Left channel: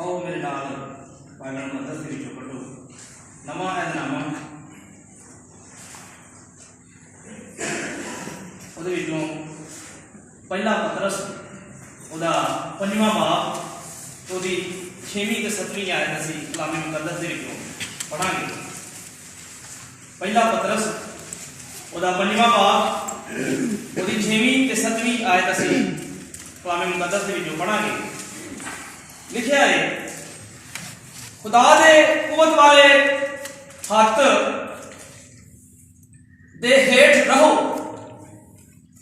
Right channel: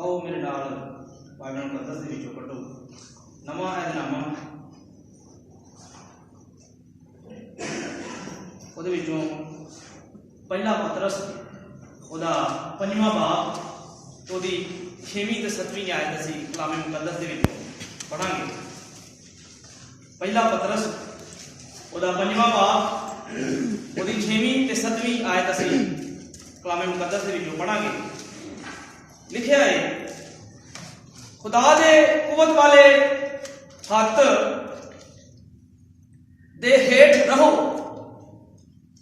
आओ मेरे नाल बाइबल मुकद्दस के विचों पढ़ो नवां ऐतनामा ਉਹਦੇ ਵਿੱਚੋਂ ਪਹਿਲਾ ਪਤਰਸ ਉਹਦਾ 5ਵਾਂ ਬਾਬ ਉਹਦੀ 6ਵੀਂ ਤੇ 7ਵੀਂ ਆਇਤ ਅਸੀਂ ਕਲਾਮੇ ਮੁਕੱਦਸ ਦੇ ਵਿੱਚੋਂ ਪੜਾਂਗੇ। ਪਹਿਲਾ ਪਤਰਸ ਉਹਦਾ 5ਵਾਂ ਬਾਬ ਉਹਦੀ 6ਵੀਂ ਤੇ 7ਵੀਂ ਆਇਤ ਅਸੀਂ ਕਲਾਮੇ ਮੁਕੱਦਸ ਦੇ ਵਿੱਚੋਂ ਪੜਾਂਗੇ। ਲਿਖਿਆ ਹੈ, खुदा दे कुवत वाले हथ दे हेठ रहो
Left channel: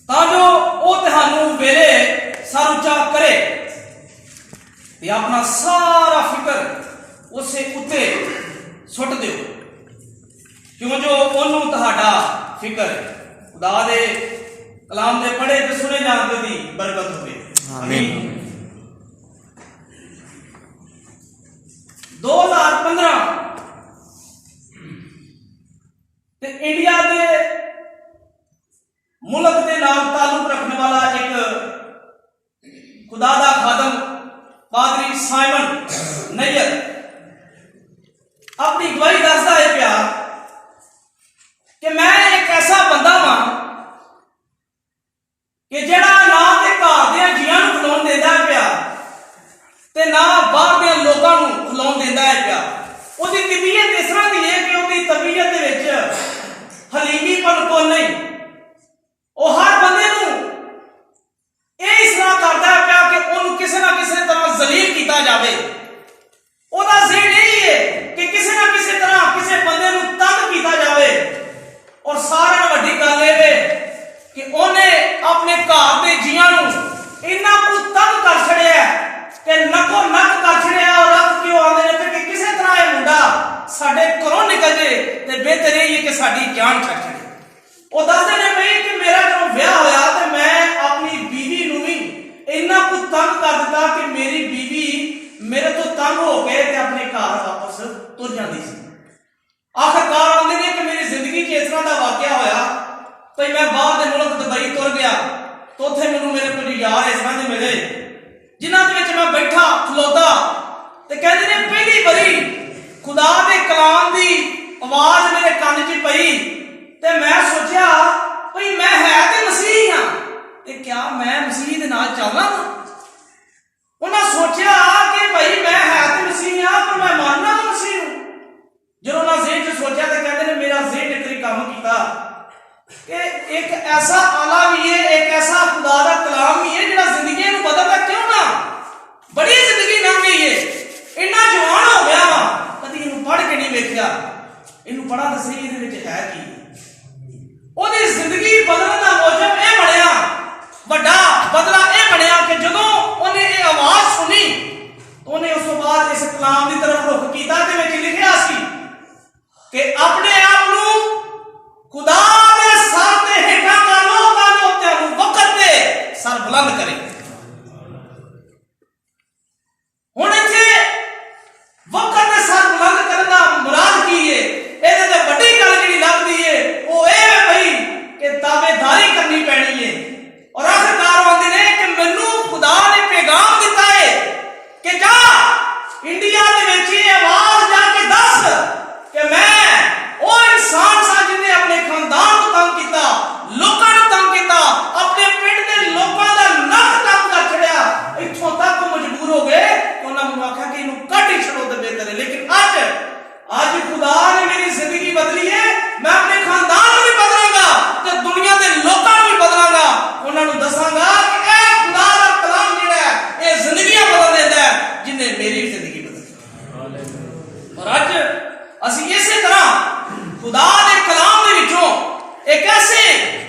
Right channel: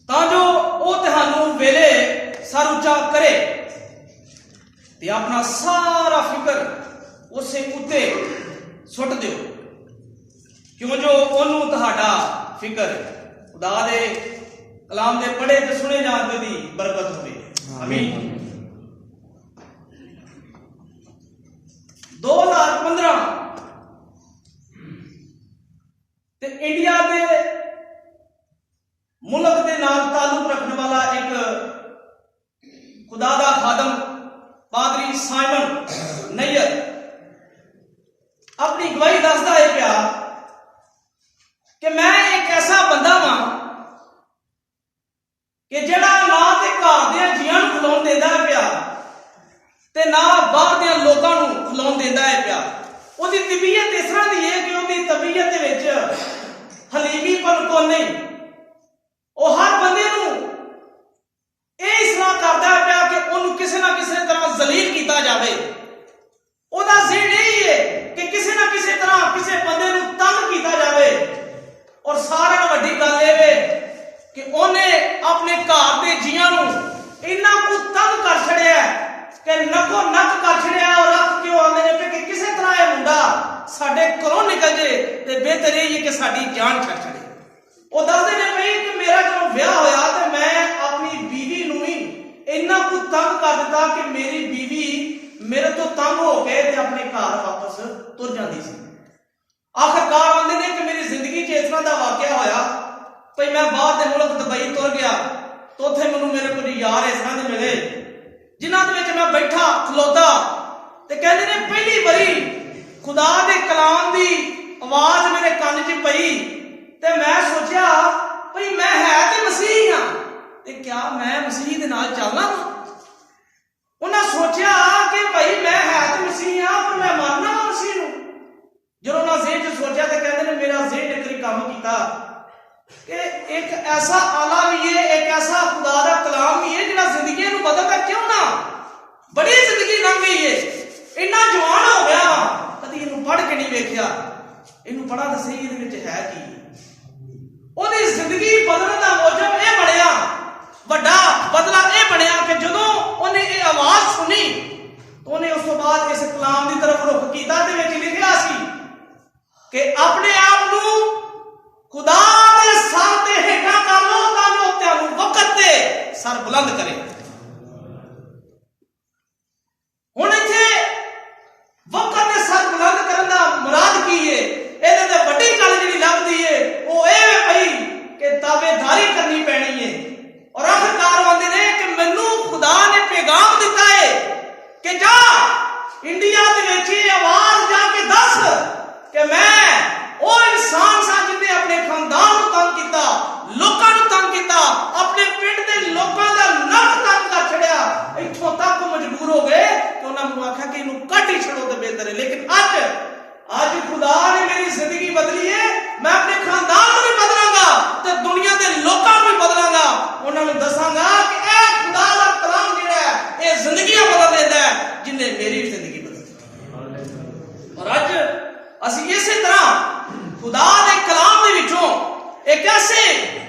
तां जो वो तुहानू वेले सर उच्चा करे ते अपना सारा फिक्र उसे उत्ते सुट दिओ क्यों जो ओनू तुहाडा फिक्र खुदा दे कलाम दे पढ़े ते सुने जाने दी बरकत होवे। आमीन। 2015 ते इंडिया के मुल्क के नाल ताल्लुक रखने वाला एक खुदा दा खादम पादरी साइमन नैयर अपनी गवाही दसदा है पिया कि मैं एक ऐसा बंदा वां कि जेड़ा ना ते घर दे जीआं नूं खलोण देंदा पिया ते ना बाहर दे लोकां नूं खलोण देंदा है पिया। ਉਹਦੀ ਤਬੀਅਤ ਇਸ ਤਰ੍ਹਾਂ ਦੀ ਹੈ ਕਿ ਉਹਦੀ ਤਬੀਅਤ ਦੇ ਵਿੱਚ ਹਲੀਮੀਪਨ ਕੋ ਨਹੀਂ। ਉਹ ਹਰ ਬੰਦੇ ਨੂੰ ਇਹ ਇਸ ਤਰ੍ਹਾਂ ਕਰਦਾ ਹੈ ਪਿਆ ਕਿ ਉਹਨੂੰ ਕਿਸੇ ਨਾ ਕਿਸੇ ਤਰ੍ਹਾਂ ਜ਼ਲੀਲ ਕੀਤਾ ਜਾਵੇ। ਉਹਦਾ ਜ਼ਿਹਨ ਇਹ ਹੈ ਕਿ ਕਿਸੇ ਨਾ ਕਿਸੇ ਤਰ੍ਹਾਂ ਕਿਸੇ ਬੰਦੇ ਨੂੰ ਤੰਗ ਕੀਤਾ ਜਾਵੇ। ਔਰ ਸਾਰਿਆਂ ਨਾਲੋਂ ਵੱਡੀ ਗੱਲ ਇਹ ਹੈ ਕਿ ਉਹਨੇ ਆਪਣੇ ਘਰ ਦੇ ਜੀਆਂ ਨੂੰ ਇੰਨਾ ਕੁ ਤੰਗ ਕਰ ਛੜਿਆ कि नको नक कर छड़िया और रख क्यों आंदे ने कि किसी तरह ये मुंडा साडे घरों निकल जे ते बेहतर यही है कि साडी जान छड़ छड़े। वो दसदे ने भाई कि मेरा जदों ब्याह होया ते मैं अपनी बीवी नूं भी इन्ना कुछ तंग कर दिता कि मेरी बीवी मेरे तो तंग हो के ते अपने घर वापस तुर जाती सी। आखिरकार आंदे ने कि मेरी जिंदगी च इस तरह दा वाकया होया ते मैं बाहर दे मुल्क दुबई तुर गया तो उत्थे मैनूं मेरे कुछ यार इस तरह दे मिले जिन्हां दे विच मैं बैठा खलोता ते कहंदे ने पहली बारी खुदा दे कलाम दी आवाज मेरे कान च पई ते मैं सोचा भई मैं है ते मसीह हां ते क्या मैं मसीह दे नाल चलांगा। उन्हां सोचा कि भई मैं है ते मसीह हां पर मैं मानना मसीह नूं। जदों उन्हां ज़हन च सोचा ते कहंदे ने मेरा ज़हन इक वारी काम कीता कि एक ऐसा आला भी है एक ऐसा खुदा दा कलाम भी है जिहड़ा जिंदगी नूं बदलदा क्यों ना। बड़ी जिंदगी लंघ गई है इन्ना जवान हो गया कदी इहनूं पढ़ के नहीं वेखिया इहनूं पढ़ा ते सही इहदे विच है की। ओहदी जिंदगी बदलण दा मौजब यह बनिया वड्डा बदला यह बनिया कि जदों ओहने ये आवाज सुनी तो उन्हें उस बाद इस कलाम की तरफ रुख किया ते विच लिखिया सी कि अपने आप नूं खुदा दे सर ते हेठां कर लो तां जो तुहानूं वक्त ते सर बुलंद करे। हुण इत्थे वक्त ते सर बुलंद करन दा मुराद की है इहदे ते वड्डी गल जिहड़ी लगदी है ओह इह है भई कि ताबेदारी करनी पैनी है। और आखिरकार आंदे ने कि मैनूं खुदा ने पैगाम दिता है कि जा इंडिया दे विच ये आवाज जाके दस कि मैं ਉਹ ਇਨਸਾਨ ਸਾਂ ਜਿਹਨੇ ਆਪਣੇ ਖਾਨਦਾਨ ਨੂੰ ਤੰਗ ਕੀਤਾ ਲੋਕਾਂ ਨੂੰ ਤੰਗ ਕੀਤਾ ਆਪਣੇ ਪਿੰਡ ਦੇ ਲੋਕਾਂ ਦਾ ਨੱਕ ਤੰਗ ਕਰ ਛੜਿਆ ਇੱਥੋਂ ਤੱਕ ਮਜਬੂਰ ਹੋ ਗਏ ਕਿ ਉਹਨਾਂ ਨੂੰ ਆਖਿਆ ਕਿ ਇਹਨੂੰ ਕੱਢ ਹੀ ਛੱਡੋ ਤੇ ਬਿਹਤਰ ਹੈ। ਲੇਕਿਨ ਅੱਜ ਖੁਦਾ ਨੇ ਮੇਰੀ ਜ਼ਿੰਦਗੀ ਬਦਲੀ ਹੈ ਮੈਂ ਆਪਣੇ ਖਾਨਦਾਨ ਨੂੰ ਵੀ ਬਦਲਾਂਗਾ ਤੇ ਦੁਨੀਆ ਦੇ ਲੋਕਾਂ ਨੂੰ ਵੀ ਬਦਲਾਂਗਾ। ਉਹਨਾਂ ਨੂੰ ਦੱਸਾਂਗਾ ਕਿ ਇਹ ਖੁਦਾ ਦਾ ਕਲਾਮ ਜਿਹੜਾ ਹੈ ਇਹ ਜ਼ਿੰਦਗੀਆਂ ਬਦਲ ਦਿੰਦਾ ਹੈ ਜਿਹਨੇ ਮੇਰੀ ਜ਼ਿੰਦਗੀ ਬਦਲੀ। ਔਰ ਅੱਜ ਅਸੀਂ ਇਸੇ ਤਰ੍ਹਾਂ खुदा दे कलाम दे विचों एक ऐसे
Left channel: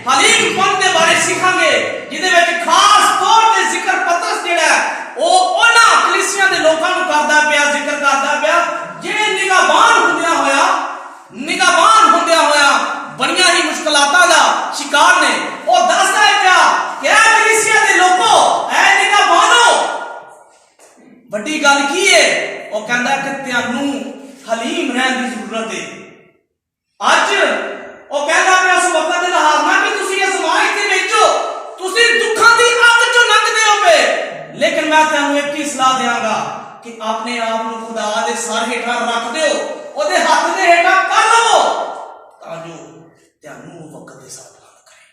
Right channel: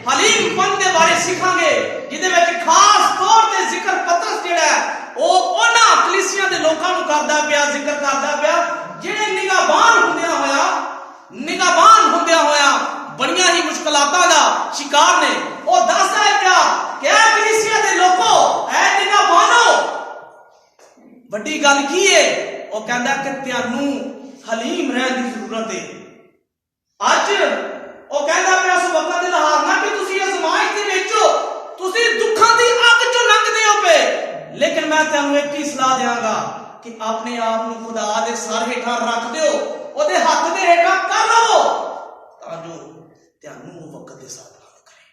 हलीमपन दे बारे सीखांगे जिहदे विच खास तौर ते जिक्र पतरस जिहड़ा है ओह उन्हां कलीसिया दे लोकां नूं करदा पिया जिक्र करदा पिया जिहड़े निगाहबान हुंदियां होया बड़ियां ही मुश्किलातां दा शिकार ने। ओह दसदा है पिया कि ऐ कलीसिया दे लोको ऐ निगाहबानो वड्डी गल की है। ओह कहंदा कि तुहानूं हलीम रहण दी जरूरत है। ਅੱਜ ਉਹ ਕਹਿੰਦਾ ਪਿਆ ਉਸ ਵਕਤ ਦੇ ਲਿਹਾਜ਼ ਨਾਲ ਕਿ ਤੁਸੀਂ ਇਸ ਸਮਾਜ ਦੇ ਵਿੱਚ ਤੁਸੀਂ ਦੁੱਖਾਂ ਦੀ ਅੱਗ ਚੋਂ ਲੰਘਦੇ ਹੋ ਪਏ लेकिन मैं तेनू एक ही सलाह देंगा कि अपने आप को खुदा दे सर हेठा रख दिओ, ओदे हाथ दे हेठा कर लो, तां जो त्यानू वक्त दे साथ ना करे।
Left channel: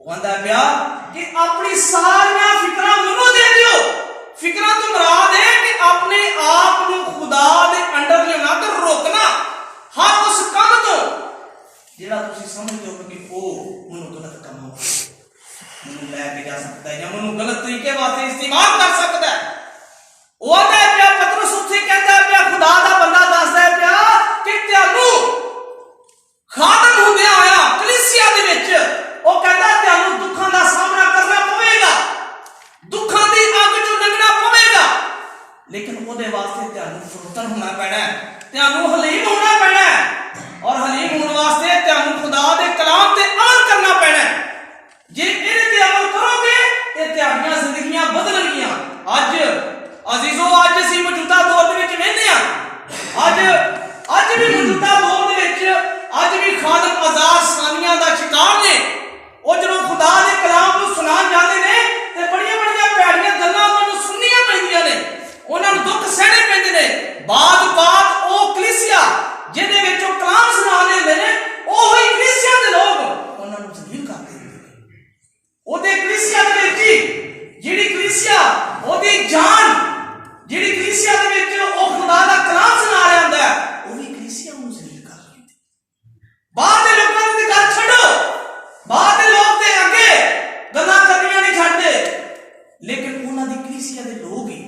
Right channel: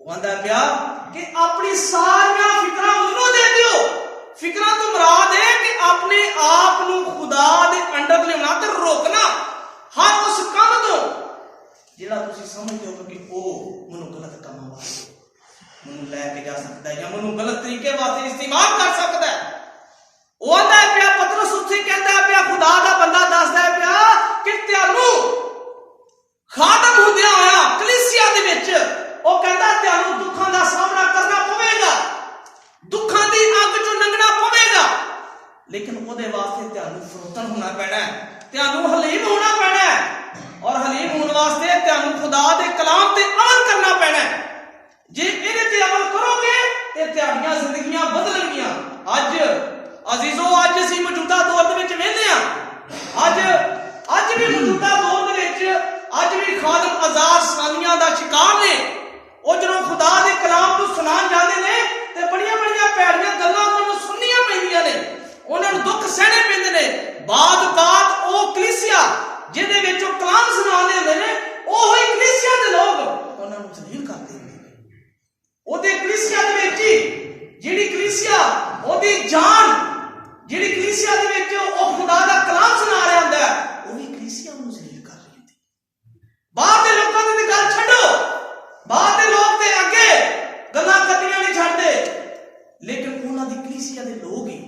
वो आंदा पिया कि अपनी सारियां फिक्रां मैनू दे दिओ। फिक्रां तो मुराद है कि अपने आप को खुदा दे अंडर लियाना ते रोकना हर उस काम तो जिहड़ा तुसीं समझदे हो कि वो मैनू गलत काम मैनू लैके जा सकता है या मैनू गलत तरीके वास्ते इस्तेमाल कर सकता है। वो आंदा है पिया, पतरस उत्थे कहता है पिया, खुदा दा बंदा दसदा है पिया कि त्यानू खादम हुंदे होया कलीसिया दे विच वो कहता त्यानू दुखां दा सामना करना पवेगा, दुखां दी अग चों लंघना पवेगा, लेकिन ओदे वास्ते त्यानू फुरतन होना पैना है, त्यानू हलीम होना पैना है, और हलीम होने वास्ते त्यानू खुदा दे कलाम ते अमल करना पैना है। जे इहदे ते अमल करोगे ते त्याड़ियां जिंदगियां बदलणगियां। अज अजीजो अज असीं मौजूदा दौर दे विच वेंदे आ, अज भी मौजूदा दौर दे विच अज भी खादम आजाद सानियां दा शिकार ने। ਉਹ ਜਦੋਂ खुदा ਦੇ ਕਲਾਮ ਨੂੰ ਸੁਣਾਉਣ ਜਾਂਦੇ ਨੇ ਤੇ ਬੜੀਆਂ ਬੜੀਆਂ ਭੈੜੀਆਂ ਗੱਲਾਂ ਉਹਨਾਂ ਨੂੰ ਸੁਣਨੀਆਂ ਪੈਂਦੀਆਂ ਨੇ, ਉਹਨਾਂ ਨੂੰ ਦੁੱਖ ਸਹਿਣੇ ਪੈਂਦੇ ਨੇ। ਬਾਤ ਉਹ ਕਲੀਸਿਆ ਜਿਹਦੇ ਵਿੱਚ ਉਹ ਕਲਾਮ ਸੁਣਾਉਂਦੇ ਹੁੰਦੇ ਨੇ, ਉਹ ਹੀ ਕਲੀਸਿਆ ਦੇ ਲੋਕ ਉਹਨਾਂ ਨੂੰ ਜ਼ਲੀਲ ਕਰਦੇ ਹੁੰਦੇ ਨੇ। ਉਹਦੇ ਕਲੀਸਿਆ ਦੇ ਵਿੱਚ ਜਿਹੜੀ ਕਲੀਸਿਆ ਉਹਦੀ ਜਾਨ, ਜਿਹੜੀ ਕਲੀਸਿਆ ਦੇ ਵਿੱਚ ਉਹ ਖੁਦਾ ਦਾ ਕਲਾਮ ਸੁਣਾ ਰਿਹਾ ਹੁੰਦਾ ਹੈ, ਉਹ ਵੀ ਕਲੀਸਿਆ ਨੂੰ ਜ਼ਲੀਲ ਕਰ ਰਹੀ ਹੁੰਦੀ। ਬਾਹਰ ਦੇ ਲੋਕਾਂ ਦੀ ਗੱਲ ਛੱਡੋ, ਬਾਹਰ ਦੇ ਲੋਕ ਤੇ ਅੱਗੇ ਗੱਲਾਂ ਕਰਨੀਆਂ ਨਹੀਂ ਛੱਡਦੇ, ਲੇਕਿਨ ਉਹਨਾਂ ਦੀ ਕਲੀਸਿਆ ਦੇ ਲੋਕ ਹੀ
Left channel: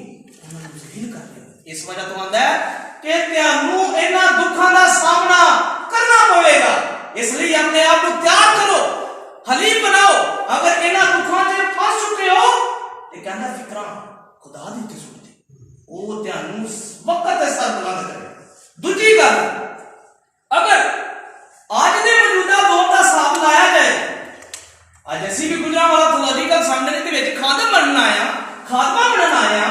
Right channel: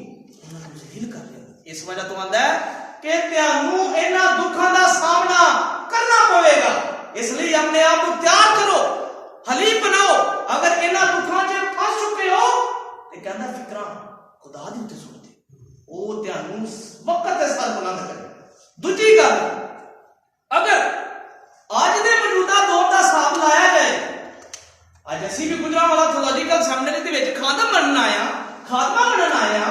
ਉਹਨਾਂ ਨੂੰ ਜ਼ਲੀਲ ਕਰ ਰਹੇ। ਇਸ ਵਜ੍ਹਾ ਤੋਂ ਆਂਦਾ ਹੈ ਕਿ ਤੁਹਾਨੂੰ ਇਹਨਾਂ ਦੁੱਖਾਂ ਦਾ ਸਾਹਮਣਾ ਕਰਨਾ ਪਵੇਗਾ, ਇਸ ਲਈ ਆਪਣੇ ਆਪ ਨੂੰ ਤਿਆਰ ਕਰੋ, ਹਲੀਮ ਬਣਾਓ। ਅਗਰ ਇਹਨਾਂ ਦੁੱਖਾਂ 'ਚ ਫਸ ਚੁੱਕੇ ਹੋ ਤੇ ਕਹਿੰਦਾ ਫਿਕਰਾਂ ਖੁਦਾ ਦੇ ਉੱਤੇ ਸੁੱਟ ਦੇ, ਉਹ ਤੁਹਾਨੂੰ ਵਕਤ ਦੇ ਸਰ ਬੁਲੰਦ ਕਰੇ। ਦੂਜੀ ਗੱਲ, ਅਗਰ ਅੱਜ ਦੇ ਮੌਜੂਦਾ ਦੌਰ ਦਾ ਹਿਸਾਬ ਲਾਇਆ ਜਾਏ, ਅੱਜ ਅਸੀਂ ਵੀ ਗੁਜਰਾਂਵਾਲਾ ਥੋਲੋਜੀਕਲ ਸੈਮੀਨਰੀ ਦੇ ਵਿੱਚ ਖਾਦਮ ਬਣਨ ਆਇਆ, ਖਾਦਮਾ ਬਣਨ ਆਇਆ,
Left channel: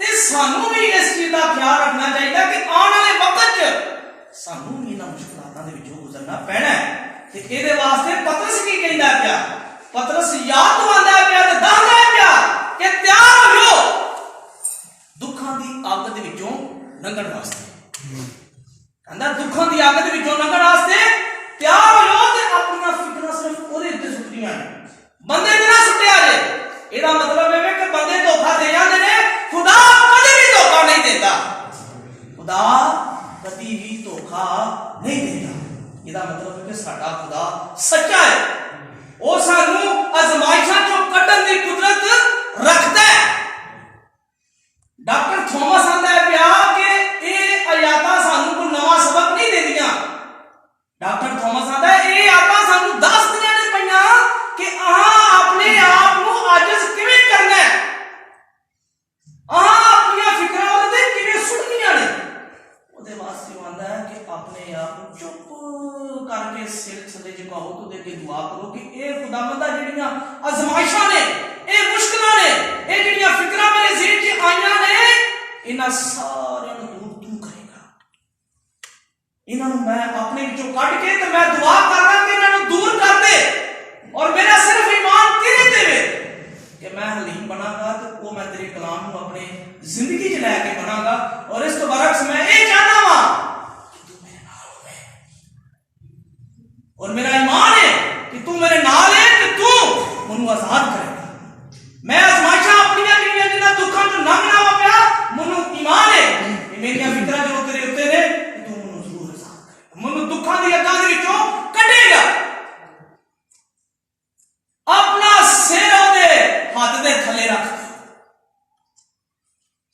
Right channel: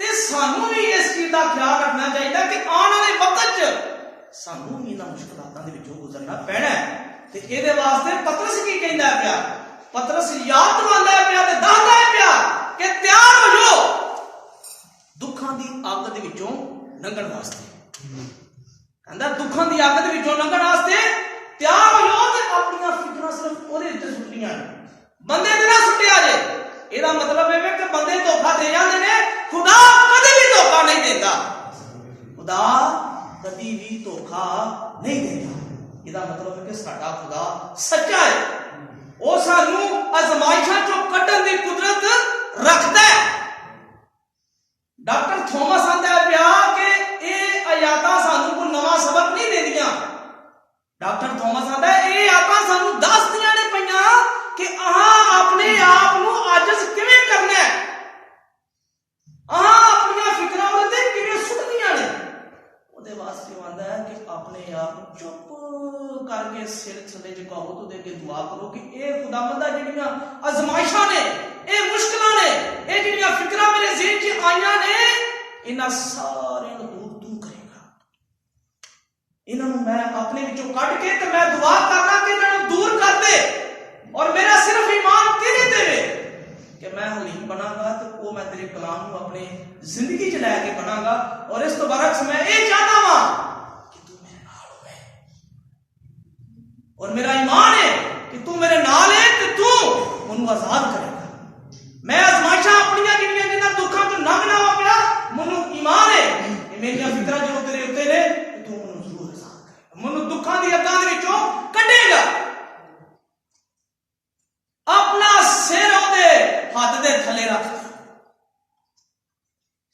ਤੇ ਸਾਨੂੰ ਵੀ ਇਸ ਚੀਜ਼ ਦਾ ਖਿਆਲ ਰੱਖਣਾ ਚਾਹੀਦਾ ਕਿ ਆਉਣ ਵਾਲੇ ਵਕਤ 'ਚ ਸਾਨੂੰ ਵੀ ਇਹਨਾਂ ਮੁਸ਼ਕਲਾਂ ਦੇ ਵਿੱਚੋਂ ਗੁਜ਼ਰਨਾ ਪੈਣਾ ਹੈ। ਤੇ ਇਹਦੇ ਵਾਸਤੇ ਪਤਰਸ ਕੀ ਕਹਿੰਦਾ ਪਿਆ? ਪਤਰਸ ਯਾਦ ਦਵਾਉਂਦਾ ਪਿਆ ਤੇ ਦੱਸਦਾ ਪਿਆ ਕਿ ਤਿਆਰ ਹੋ ਜਾਓ ਦੁੱਖਾਂ ਦੀ ਅੱਗ ਦੇ ਵਿੱਚੋਂ ਲੰਘਣ ਵਾਸਤੇ। ਕਹਿੰਦਾ ਦੁੱਖਾਂ ਦੀ ਅੱਗ ਦੇ ਵਿੱਚੋਂ ਲੰਘਣ ਵਾਸਤੇ ਤਿਆਰ ਹੋ ਜਾਓ ਤੇ ਆਪਣੀਆਂ ਫਿਕਰਾਂ ਸਿਰਫ ਉਹਦੇ ਉੱਤੇ ਸੁੱਟੀਆਂ ਨੇ, ਬੰਦੇ ਤੇ ਨਾ ਸੁੱਟਿਆ ਜੇ। ਇਹਦਾ ਮਤਲਬ ਇਹ ਹੈ ਕਿ ਬੰਦੇ ਧੋਖਾ ਦੇ ਜਾਂਦੇ ਨੇ, ਖੁਦਾ ਕਦੇ ਵੀ ਧੋਖਾ ਨਹੀਂ ਦਿੰਦਾ, ਖੁਦਾ ਕਦੀ ਵੀ ਧੋਖਾ ਨਹੀਂ ਦਿੰਦਾ। ਇਹਦਾ ਮਤਲਬ ਹੈ ਕਿ ਸਾਡਾ ਖੁਦਾ ਸੱਚਾ ਹੈ, ਉਹ ਸਾਨੂੰ ਅਜ਼ਮਾਇਸ਼ਾਂ ਚੋਂ ਕੱਢਣ ਦੀ ਕੁਦਰਤ ਰੱਖਦਾ ਹੈ। ਡਾਕਟਰ ਥੋਮਸ ਆਂਦਾ ਹੈ ਪਿਆ ਕਿ ਇਹ ਆਇਤਾਂ ਸਾਨੂੰ ਕੋਈ ਨਵਾਂ ਸਬਕ ਨਹੀਂ ਦਿੰਦੀਆਂ। ਡਾਕਟਰ ਥੋਮਸ ਆਂਦਾ ਇਹ ਆਇਤਾਂ ਸਾਨੂੰ ਦੱਸਦੀਆਂ ਨੇ ਪਈਆਂ ਕਿ ਆਪਣੇ ਆਪ ਨੂੰ ਆਜਜ਼ ਕਿਵੇਂ ਕਰਨਾ ਹੈ, ਆਪਣੀਆਂ ਫਿਕਰਾਂ ਉਹਦੇ ਕਿਵੇਂ ਸੁਣਨੀਆਂ ਨੇ। ਉਹਦੇ ਵਾਸਤੇ ਉਹ ਆਂਦਾ ਹੈ ਕਿ ਆਪਣੇ ਆਪ ਨੂੰ ਚੁੱਪ ਕਰਕੇ ਸਿਰ ਥੱਲੇ ਝੁਕਾਓ ਤੇ ਉਹਦੇ ਅੱਗੇ ਦੁਆ ਕਰੋ ਕਿ ਇਹ ਖੁਦਾਵੰਦ ਦਾ ਜਿਹੜੀਆਂ ਅਜ਼ਮਾਇਸ਼ਾਂ ਨੇ, ਇਹ ਮੁਸ਼ਕਲਾਂ ਨੇ, ਇਹ ਜਿਹੜੀਆਂ ਫਿਕਰਾਂ ਮੇਰੇ ਜ਼ਿਹਨ 'ਚ ਆਈਆਂ ਨੇ, ਇਹਨਾਂ ਸਾਰਿਆਂ ਨੂੰ ਦੂਰ ਤੂੰ ਕਰੇਗਾ। ਇਹਨਾਂ ਨੂੰ ਮੈਂ ਆਪਣੇ ਵਿੱਚੋਂ ਕੱਢ ਕੇ ਤੇ ਮੈਂ ਦੁਆ ਕਰਦਾ ਕਿ ਇਹਨਾਂ ਨੂੰ ਦੂਰ ਕਰ ਦੇ, ਔਰ ਮੇਰਾ ਸਿਰਫ ਈਮਾਨ ਤੇਰੇ ਤੇ ਵੇ ਕਿ ਮੈਂ ਹਲੀਮ ਬਣਾਂਗਾ ਤੇ ਉਹ ਮੈਂ ਤੇਰੇ ਕਲਾਮ ਨੂੰ ਆਪਣੀ ਜ਼ਿੰਦਗੀ 'ਚ ਲੈ ਕੇ ਬਣਾਂਗਾ। ਔਰ ਇਸ ਤੋਂ ਬਰਅਕਸ ਮੈਂ ਇਹ ਚਾਹਨਾ ਵਾਂ ਕਿ ਤੂੰ ਮੇਰੇ ਨਾਲ ਹੋਵੇਂ, ਔਰ ਮੇਰਾ ਈਮਾਨ ਹੈ ਕਿ ਤੂੰ ਮੇਰੇ ਨਾਲ ਹੈ ਕਿ ਤੂੰ ਮੈਨੂੰ ਆਜ਼ਾਦ ਕਰੇਗਾ। ਮੈਂ ਅਜ਼ਮਾਇਸ਼ਾਂ ਆਪਣੀਆਂ ਜਿਹੜੀਆਂ ਜਿਨ੍ਹਾਂ ਦੁੱਖਾਂ 'ਚ ਲੰਘਣਾ ਵਾ ਪਿਆ, ਮੈਨੂੰ ਈਮਾਨ ਹੈ ਕਿ ਮੇਰੀਆਂ ਫਿਕਰਾਂ ਜਦੋਂ ਤੇਰੇ ਉੱਤੇ ਨੇ ਕਿ ਤੂੰ ਮੈਨੂੰ ਜ਼ਰੂਰ ਆਜ਼ਾਦ ਕਰੇਗਾ, ਮੈਨੂੰ ਦੁੱਖਾਂ ਦੀ ਅੱਗਾਂ ਦੇ ਵਿੱਚੋਂ ਕੱਢੇਗਾ। अपना सिर ओदे हाथ दे थले रख दो।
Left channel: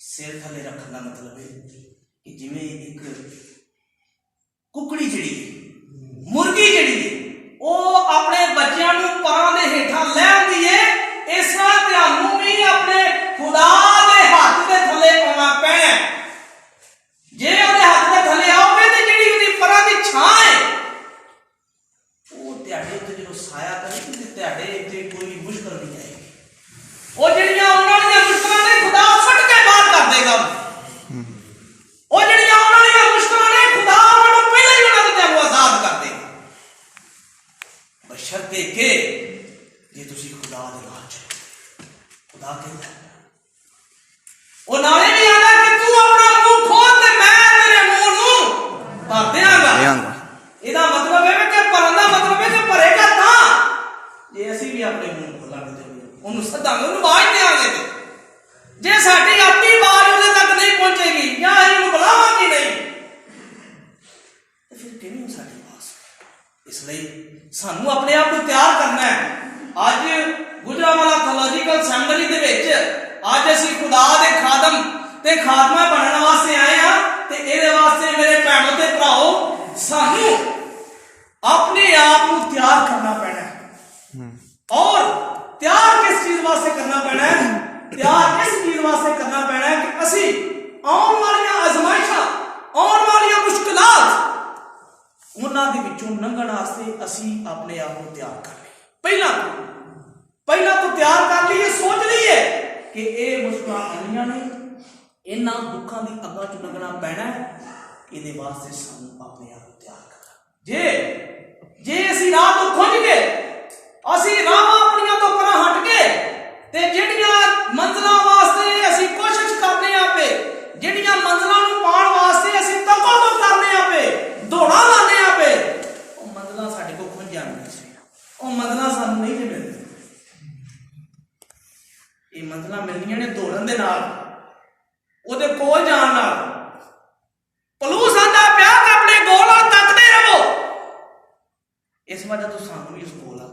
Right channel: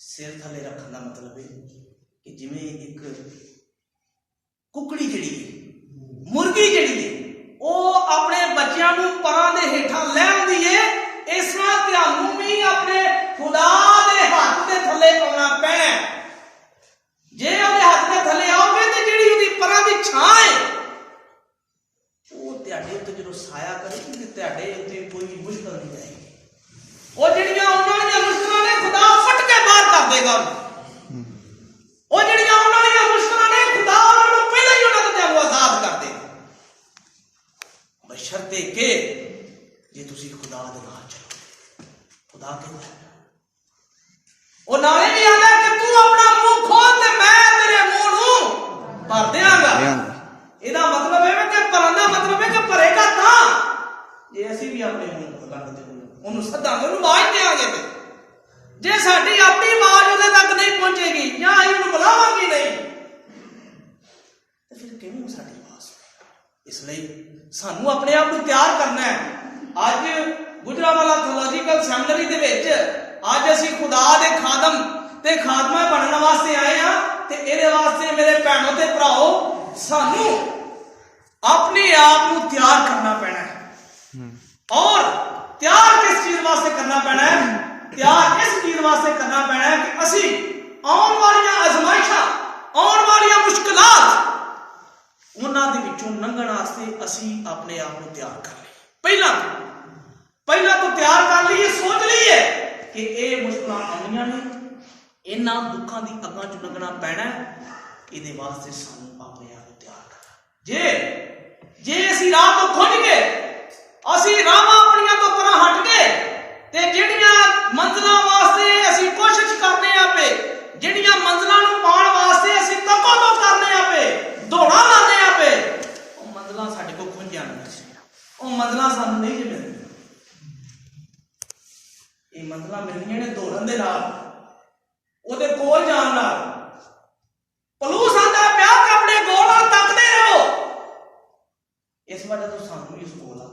सिर थले रखने का मतलब है कि जिवें एक कुकड़ी जिहड़ी मुर्गी जिहड़ी वो अपने बच्चों नूं परां दे हेठां लै आउंदी है, इस तरह तुहानूं भी अपने खुदा दे हाथ दे थले आउणा पैना। जे ओदे हाथ दे थले आओगे ते जिहड़ी ओदी परां दी छां है ਤੁਹਾਡੇ ਉੱਤੇ ਜਦੋਂ ਸਾਇਆ ਕਰੇਗੀ ਤੇ ਤੁਹਾਡੇ ਉੱਤੇ ਕੋਈ ਵੀ ਮੁਸ਼ਕਲ ਨਹੀਂ ਆਏਗੀ। ਉਹ ਜਿਹੜੀਆਂ ਉਹਨਾਂ ਦੀਆਂ ਮੁਸ਼ਕਲਾਂ ਨੇ ਖੁਦਾ ਫਟ ਕੇ ਬਾਹਰ ਕਰ ਦੇਗਾ। ਉਹ ਜਿਹੜੀਆਂ ਉਹਨਾਂ ਦੀਆਂ ਮੁਸ਼ਕਲਾਂ ਨੇ ਖੁਦਾ ਉਹਨਾਂ ਨੂੰ ਪਹਿਲਾਂ ਹੀ ਉਹਨਾਂ ਤੋਂ ਤੁਹਾਨੂੰ ਆਜ਼ਾਦ ਕਰ ਦੇਗਾ, ਬਸ਼ਰਤੇ ਕਿ ਜੇ ਤੁਸੀਂ ਖੁਦਾ ਦੇ ਨਾਲ ਚੱਲੋ। ਖੁਦਾ ਕਹਿੰਦਾ ਉਹ ਨਾਲੇ ਵੀ ਆਂਦਾ इसलिए सानू अपने आप को तैयार करना है। अज गुजरांवाला थियोलॉजिकल सैमिनरी दे विच अज असीं खुदा दे खादम ते खादमा बनने वास्ते आए हां ते इहदे वास्ते मेरे भैणों ते भराओ सानू अपने आप को तैयार करना पैना है। और तैयार किस चीज वास्ते करना पैना है? तैयार इस चीज वास्ते करना पैना है कि असीं आने वाली आजमाइशां आने वाली मुश्किलात उन्हां दे विचों लंघण वास्ते असीं अपने आप को तैयार कर लईए। पहला तो तैयार कर लीए, सोच लीए कि ये मुश्किलां आनियां ने, इन्हां दुखां दी अग्गां चों लंघना पैना है। इहदे वास्ते सानू अपने आप को तैयार करना। जे असीं राह तो खुंझ के असीं राहां अपणियां तो परां हट के ते जिहड़ियां मंजिलां वास्ते असीं कोशिश करने आ पे, जिहड़ियां मंजिलां नूं पाउण वास्ते असीं तको करने आ पे, दौड़ा लाने आ पे, ਉਹ ਮੰਜ਼ਲਾਂ ਸਾਡੇ ਕੋਲ ਖੁੰਝ ਜਾਣਗੀਆਂ। ਉਹ ਮੰਜ਼ਲਾਂ ਸਾਨੂੰ ਨਹੀਂ ਜੇ ਮਿਲਦੀਆਂ। ਇਹ ਮੰਜ਼ਲਾਂ ਮਿਲਦੀਆਂ ਨੇ ਦੌੜਨ ਦੇ ਨਾਲ, ਉਹਦੇ ਕੋਲ ਜਾਣ ਨਾਲ। ਪਲੂਸ ਆਂਦਾ ਪਿਆ ਕਿ ਆਪਣੇ ਗੋਲ ਵੱਲ ਤੱਕਦੇ ਰਹੋ। ਇਸ ਵਜ੍ਹਾ ਤੋਂ ਸਾਨੂੰ ਵੀ ਉਸ ਗੋਲ ਵੱਲ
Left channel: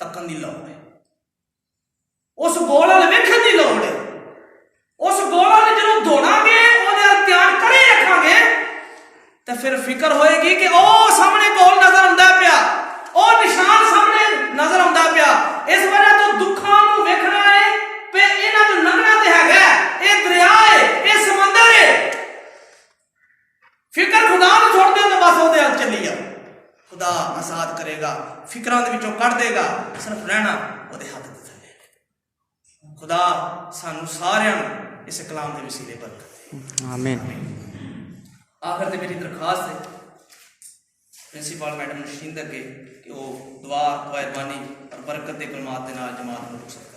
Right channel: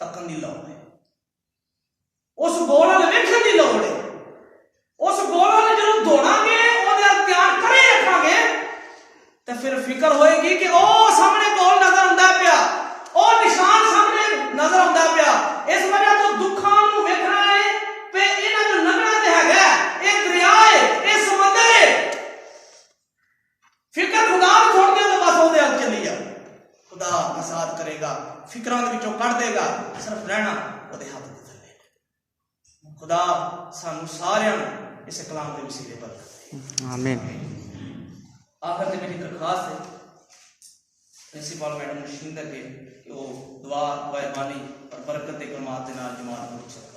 ਤੱਕਣ ਦੀ ਲੋੜ ਹੈ। ਉਸ ਗੋਲ ਵੱਲ ਵੇਖਣ ਦੀ ਲੋੜ ਹੈ। ਉਸ ਗੋਲ ਵੱਲ ਜਦੋਂ ਦੌੜਾਂਗੇ, ਉਹਦੇ ਵੱਲ ਧਿਆਨ ਕਰੇ ਰੱਖਾਂਗੇ तो फिर फिक्र होएगी कि ओ सामने गोल नजर आंदा पिया, ओ निशान सामने नजर आंदा पिया। इस वजह तो दुखां नूं वेखना है पे इन्हां नूं लंघना ते हैगा, ये दरिया है, ये समंदर है। फिक्र खुदा नूं छोड़ दे तो बस ओहदे अल चली जाओ, खुदा आजाद करेगा, फिक्रां दे विचों कढ देगा। सिर्फ रहना ओहदे हत्थ दे थल्ले। खुदा सानू सारियां नूं इस कलाम दे वसीले बरकत दे। आमीन। आखिर ते मेरी दरखास्त है प्रिंसीपल मैडम नशीन अगे कि वो दुआ मेहरबानी और बरकत के कलमात के नाल जमात को रुख सकता।